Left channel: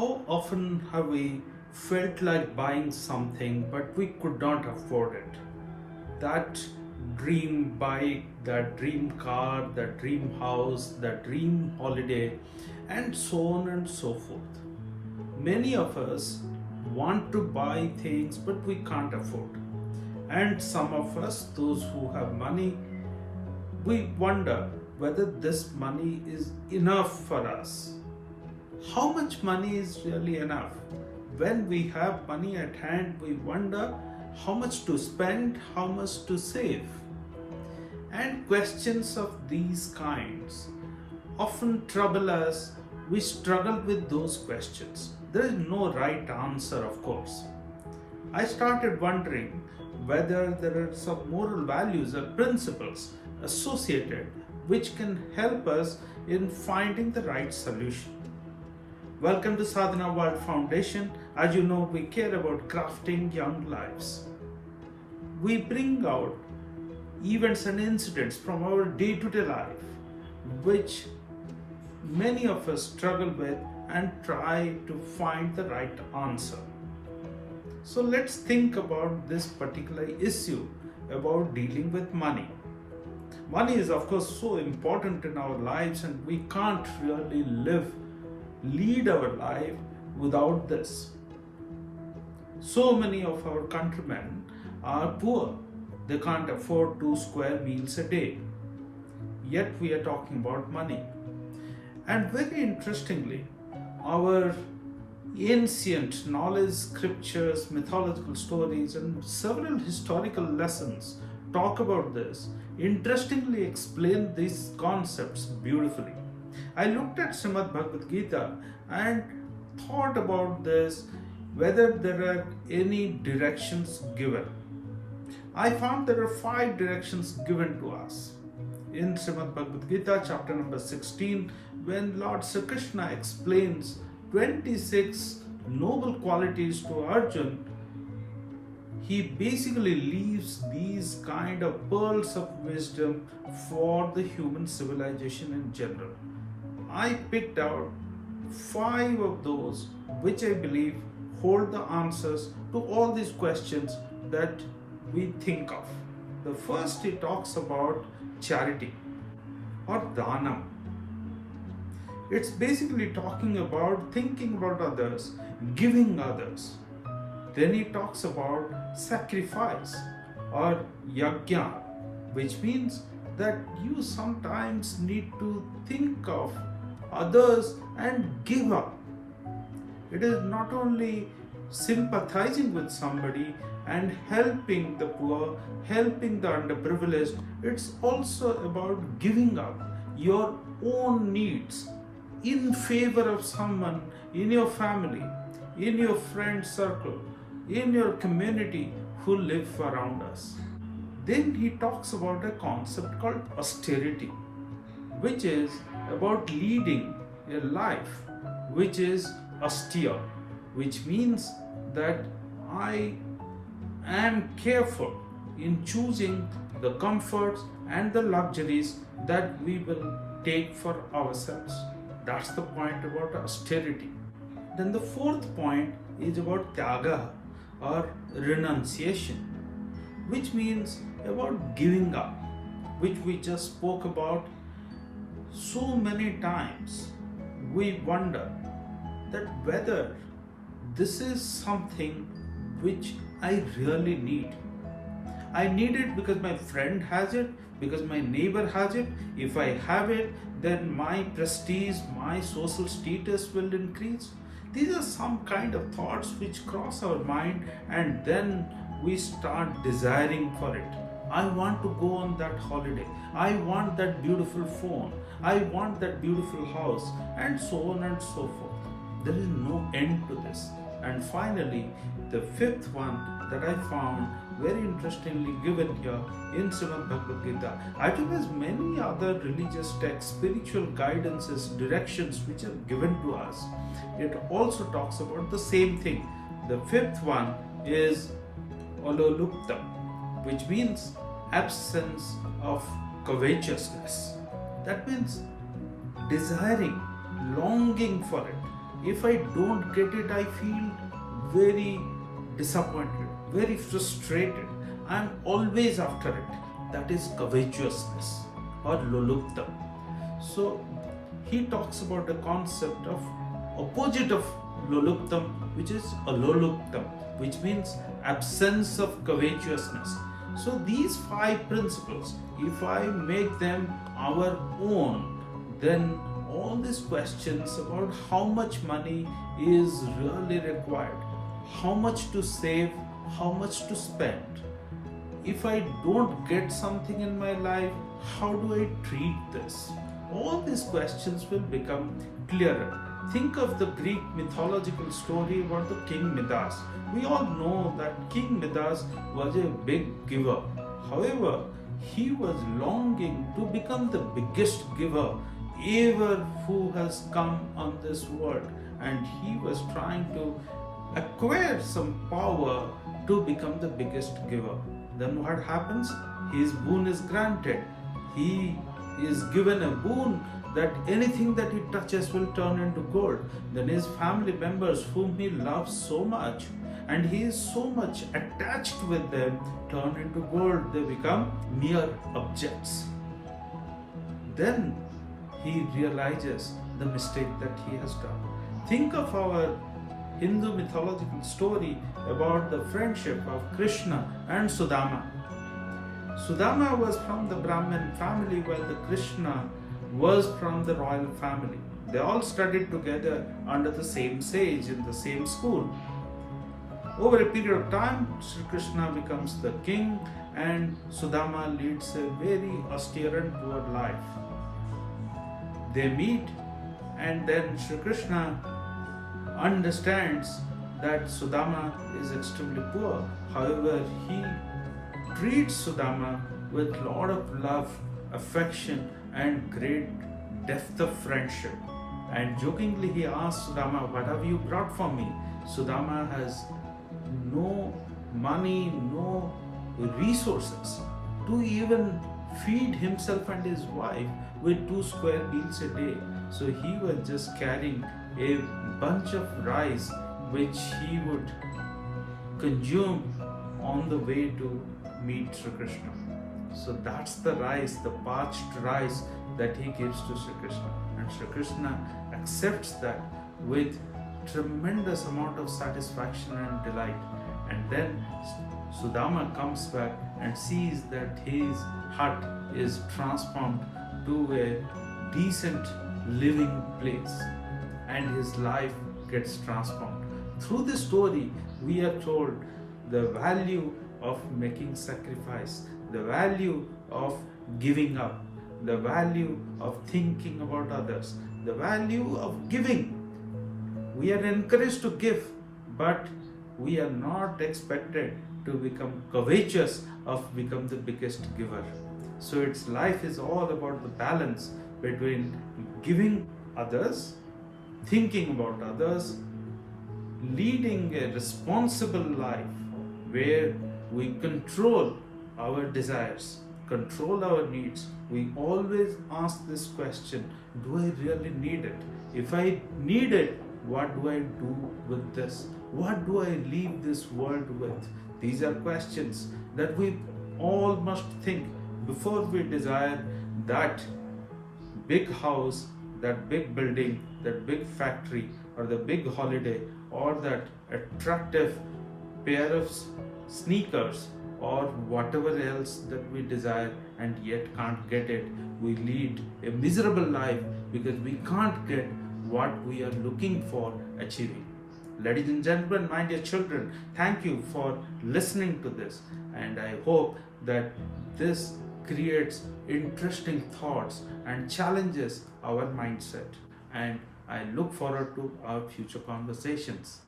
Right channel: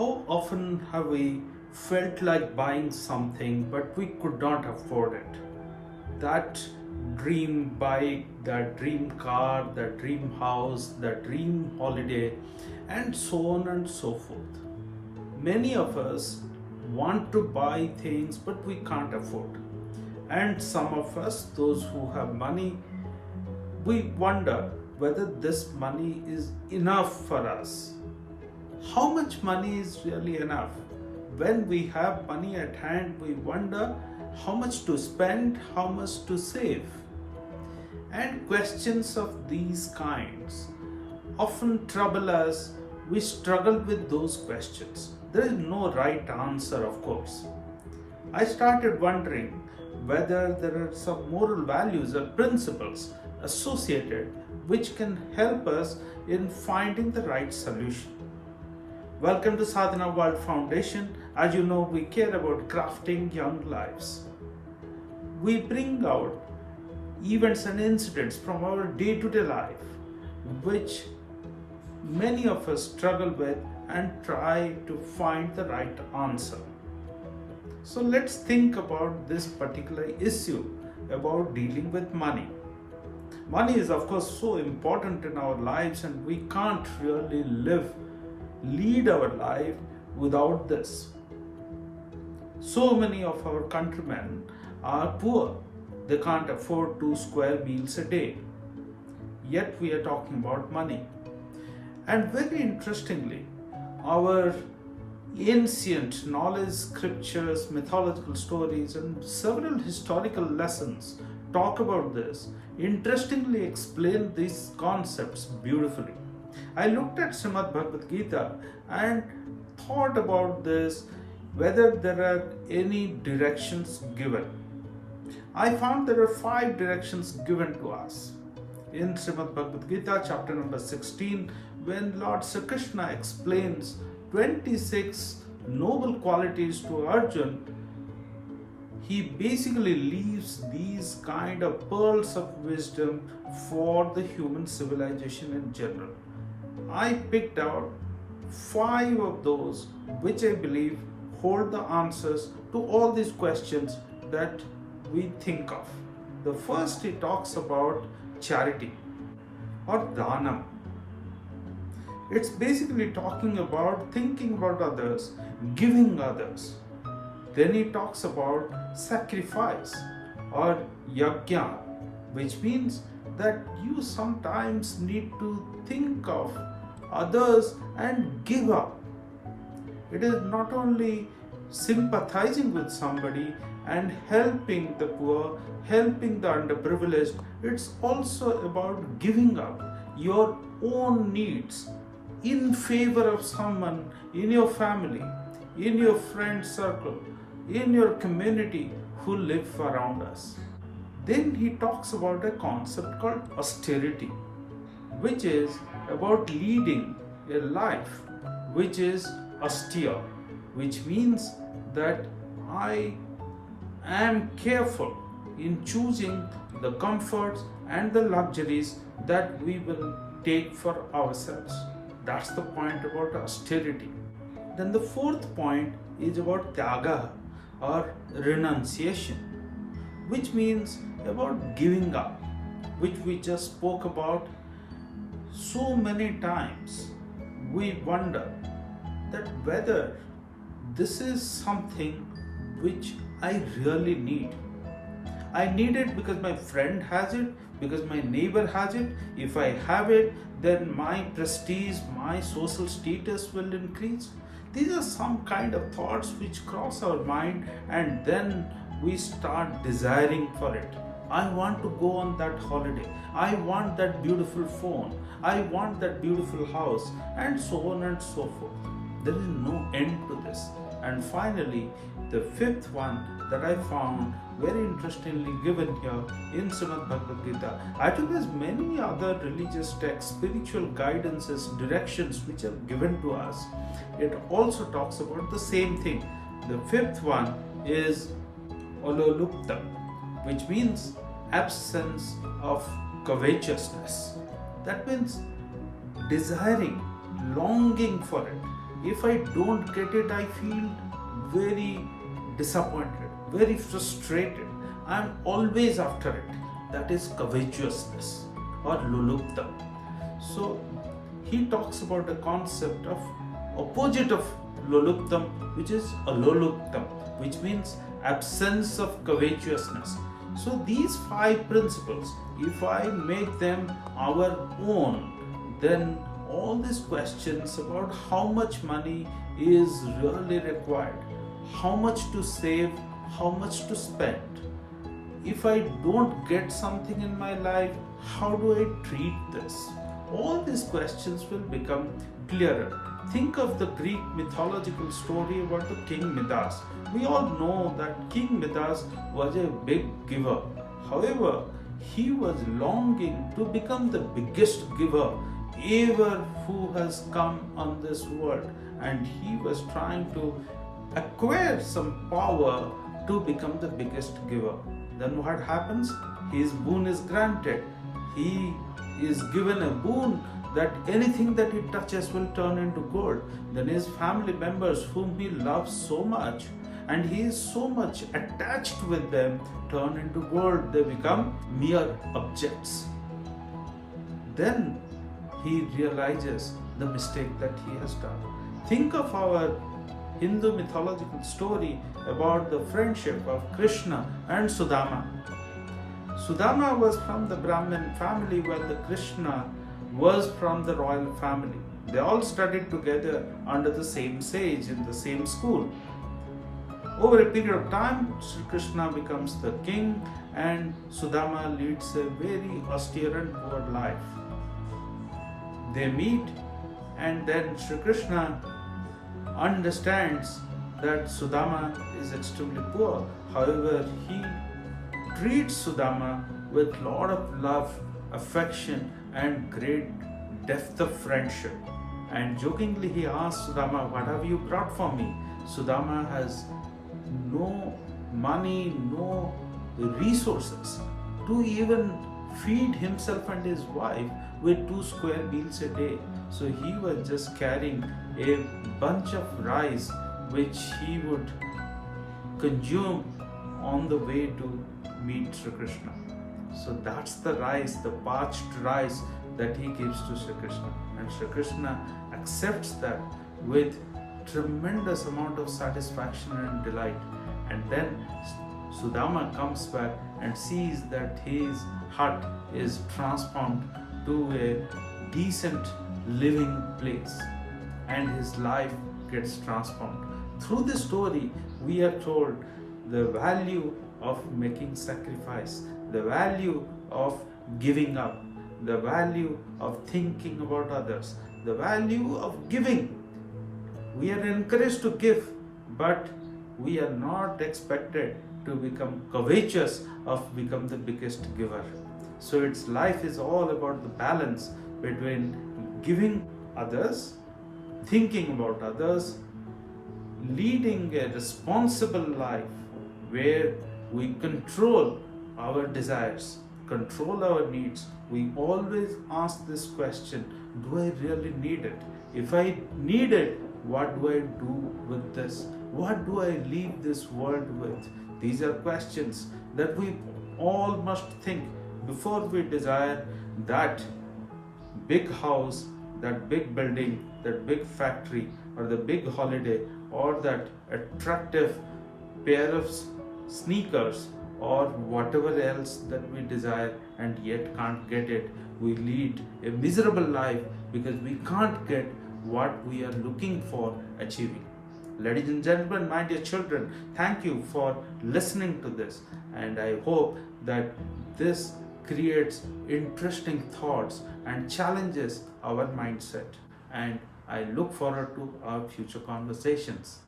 How often have we felt like buying something but we could not afford it? That dream bike, that dream car, that dream house, that dream holiday, and so on and so forth. Many of us want to buy things but we can't afford. And some of us, those who have money, we wonder whether this money is enough for us. How much money is really enough? When we have money at hand, we wonder how much to spend, how much to save. And questions of these kinds often trouble us. We struggle with those questions. There is no right answer, of course. I started wondering whether there are some moral values or principles associated which can help us in finding the right solution. Welcome to Sadhana World Foundation. As you know, we care about crafting young lives. We bring out events and incidents from our day-to-day life, which many of us struggle with and try to find the right answer. So let's think about this particular issue about dealing with money. Money is, of course, so important in our lives, and we can't really lead our life without this. So many of our countrymen are poor. They can't afford 2 square meals a day. Yet we are talking about money. And very interestingly, our ancient knowledge, scriptures, mythological stories, and several historical lessons talk about this, interestingly explain these concepts beautifully. I looked at Srimad Bhagavad Gita and thought about this, whether there are any directions given. I found there are 5 directions given to us. In Srimad Bhagavad Gita, chapter number 16, when Lord Sri Krishna explains 26 noble qualities to Arjun, he basically leaves these kind of pearls of wisdom for the human civilization in general. I picked out 5 of those which I believe hold the answers to all these questions that we think of. The first, he talks about charity or dhanam. It's basically talking about thinking about others, giving others. Then he talks about sacrifice or yajna, which means that you sometimes need to think of others and give up. It is not only sympathizing with somebody and helping the poor, helping the underprivileged, it's also about giving up your own needs in favor of someone in your family, in your friend circle, in your community who live around us. Then he talks about a concept called austerity, which is about leading a life which is austere, which means that I am careful in choosing the comforts and the luxuries that we will take for ourselves. That's the point about austerity. Then the 4th point is about tyaga or renunciation, which means about giving up, which we just spoke about so many times. We wonder that whether this is something which I really need. I need it because my friend has it, because my neighbor has it. If I have it, then my prestige, my social status will increase. These are some kind of thoughts which cross our mind, and then we start desiring for it. I want to go on that holiday. I want that beautiful phone. I want that beautiful house, and so on and so forth. There is no end to this. And finally, the 5th one that I found very interestingly given here in Srimad Bhagavad Gita, as well as many other religious texts, spiritual guidances, directions which are given to us, it also talks about the same thing. The 5th one is ololuptam, which means absence of covetousness. That means desiring, longing for it, If I don't get it, I feel very disappointed, very frustrated. I'm always after it. That is covetousness or luluptam. So he talks about a concept of opposite of luluptam, which is aloluptam, which means absence of covetousness. So these five principles, if I make them our own, then all these questions about how much money is really required, how much to save, how much to spend, if I don't get something in my life, how do I treat this? All these questions will become clearer. Think of the Greek mythological story about the King Midas. We all know that King Midas was a big giver. However, he was longing to become the biggest giver ever who has come on this world, and he was trying to acquire some power to become the biggest giver. Then what happens? His boon is granted. He is given a boon that anything that he touches will turn into gold. Then his family members, whom he loves so much, and he is so much attached with them, turn into gold. They become mere objects. Then he realizes the mistake that he has done. Think of our Hindu mythological story about the friendship of Krishna and Sudama. Sudama was from the Brahmin family, while the Krishna was from the royal family. They all studied together under the same sage in the same school. Over a period of time, Sri Krishna becomes the king and Sudama leads a very austere and poor life. They meet, and then Sri Krishna understands that Sudama is extremely poor. However, he treats Sudama with a lot of love, affection, and great depth of friendship. And jokingly he asks Sudama, "What have you brought for me?" Sudama has no money, no resources to even feed himself and his wife with 2 square meals a day. So he was just carrying a bunch of rice which he would consume on the way to meet Sri Krishna. So that's the rice, the parched rice that he gives to Sri Krishna. And Sri Krishna accepts that with tremendous amount of satisfaction and delight. And then Sudama comes back and sees that his hut is transformed to a decent living place, and his life gets transformed. Through this story, we are told the value of making sacrifice, the value of giving up, the value of thinking about others, the value of giving. We are encouraged to give, but we are not expected to become covetous of become the biggest giver. So its life is all about the balance between giving others, thinking about others, leading a responsible life where we control our desires, control our needs. We always ask this question, do I really need it? If I need it, what do I do with this? What do I leave this world with? These are questions that we all must think before we desire that big house, that big building, that big factory, or the big holiday, or that attractive pair of sneakers, or whatever else that we desire and yet can't get it. We lead a miserable life because we can't get what we are looking for achieving. Ladies and gentlemen, my dear children, thank you for listening to this, and I hope that this creates interesting thoughts and challenges our mindset. And I look forward to our future conversations.